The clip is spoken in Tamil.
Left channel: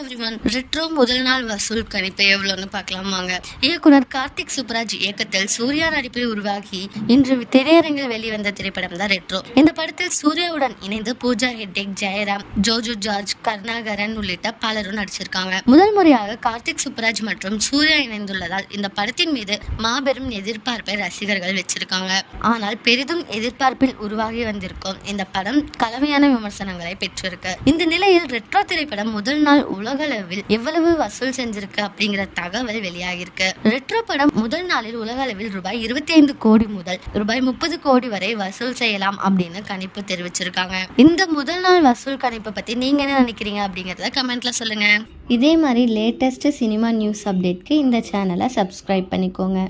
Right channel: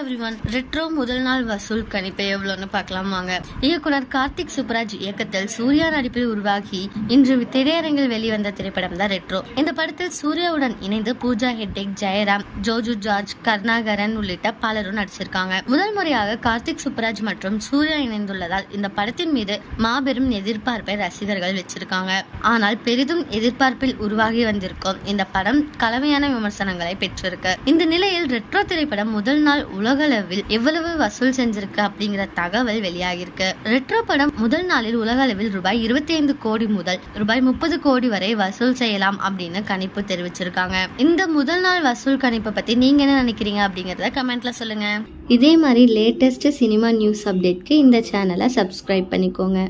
எவ்ரிவன், ரெட்ரோ முதல் நாள் வசூல் கணிப்பு எவ்வளோன்னு பார்க்கலாம் வாங்க. இயக்குனர் கார்த்திக் சுப்ராஜ் இயக்கத்தில் சூர்யா நடிப்பில் உருவாகி இன்று திரையரங்கில் வெளிவந்த திரைப்படம் தான் ரெட்ரோ. இந்த படத்தில் சூர்யாவுடன் இணைந்து பூஜா ஹெக்டே, ஜெயராம், ஜோஜு ஜார்ஜ், கருணாகரன் உள்ளிட்ட பலரும் நடிச்சிருக்காங்க. முதல் முறையாக கார்த்திக் சுப்ராஜ் மற்றும் சூர்யா இணைந்துள்ளதால் இந்த படத்தின் மீது மாபெரும் எதிர்பார்ப்பை ரசிகர்கள் வச்சிருக்காங்க. ஆனால் பெரிதும் எதிர்பார்ப்பில் உருவாகி வந்திருக்கும் இந்த படம் கலவையான விமர்சனங்களை பெற்றிருக்கு. இந்த நிலையில் ரெட்ரோ திரைப்படம் முதல் நாள் உலக அளவில் எவ்வளவு வசூல் செஞ்சிருக்கு அப்படிங்கிற தகவல் வெளியாகிருக்கு. ரெட்ரோ படம் முதல் நாளில் உலக அளவில் ரூபாய் 25 கோடி முதல் ரூபாய் 30 கோடி வரை வசூல் செய்யலாம் அப்படின்னு கணிப்பு தெரிவிச்சிருக்காங்க. இந்த முதல் நாள் வசூல் கணிப்பை பத்தி நீங்க என்ன நினைக்கிறீங்க அப்படிங்கறத கமெண்ட்ல சொல்லுங்க. இதே மாதிரி லேட்டஸ்ட் சினிமா நியூஸ் அப்டேட்க்கு இந்த சேனலை சப்ஸ்கிரைப் பண்ணிக்கோங்க.